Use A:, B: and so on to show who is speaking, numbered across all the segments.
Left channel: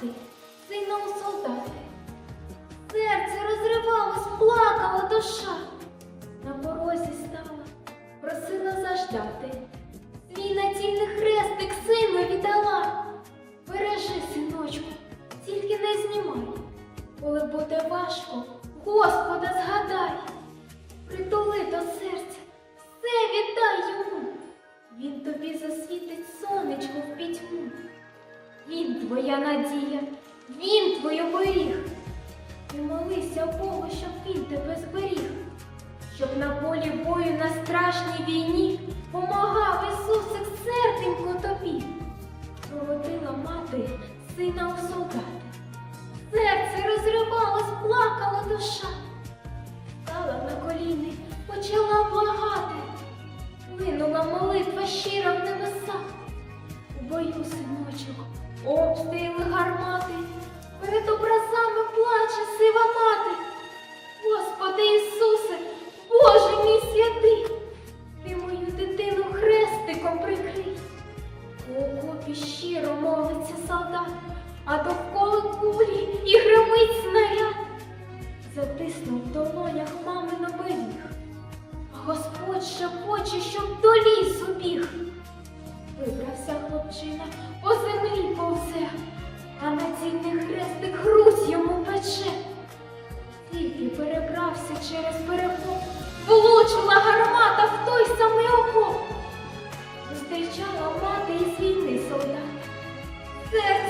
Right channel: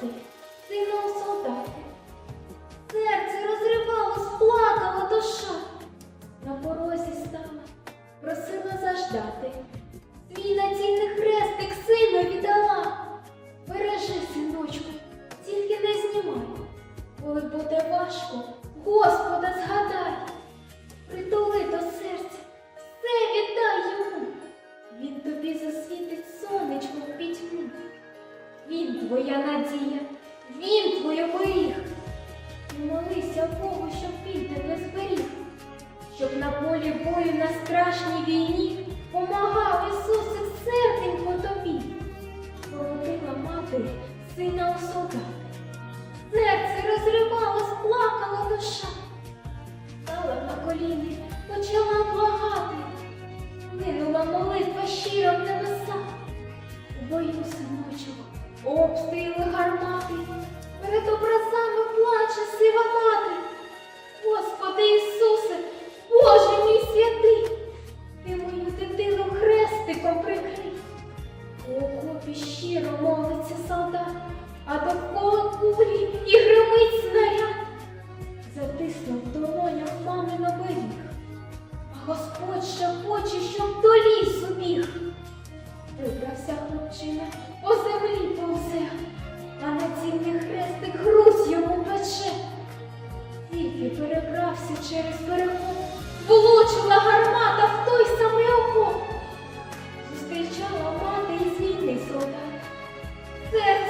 A: ти, синому солдати. Серце розривалось, плакала душа, на порозі стала, просила заждати. Він твій оберіг. І молися Богу, щоб він тебе зберіг, щоб на полі бою на страшній війні помагав Ісусик серденько тобі. Проводила мати сина у солдати. Серце розривалось, плакала душа. Стала на коліни, почала благати. Линула молитва щира в небеса. У бою, синочок, обстріли гармати. Перед образами плаче сива мати. Господи Ісусе, Боже мій святий, ти мою дитину хрестиком прикрий. У окопі щиро молиться солдат, а довкола кулі і гримить снаряд. Затиснув в долонях мамин оберіг, а Господь ще хоче, щоб до лісу біг. Вибрався хлопчина, хрестик грудь йому пече. Тільки перебрався через перекоп, влучила гармата в той самий окоп. Зустрічала мати і війни солдат. Серце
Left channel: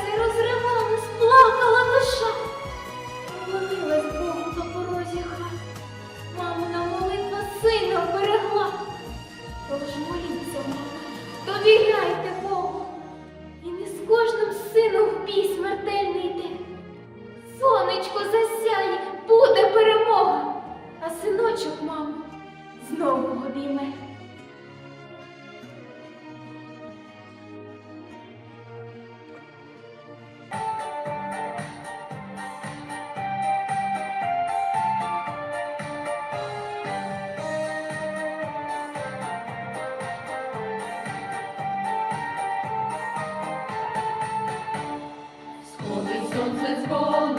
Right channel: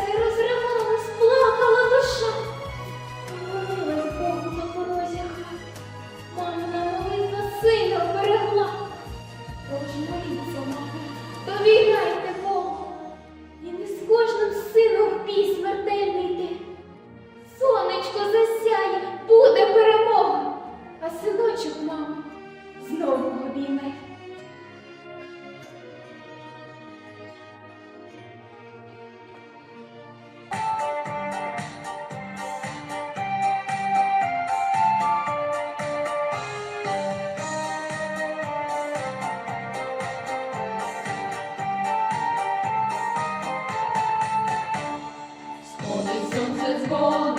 B: Senhor.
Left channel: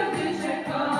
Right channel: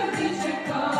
B: Завжди чекаємо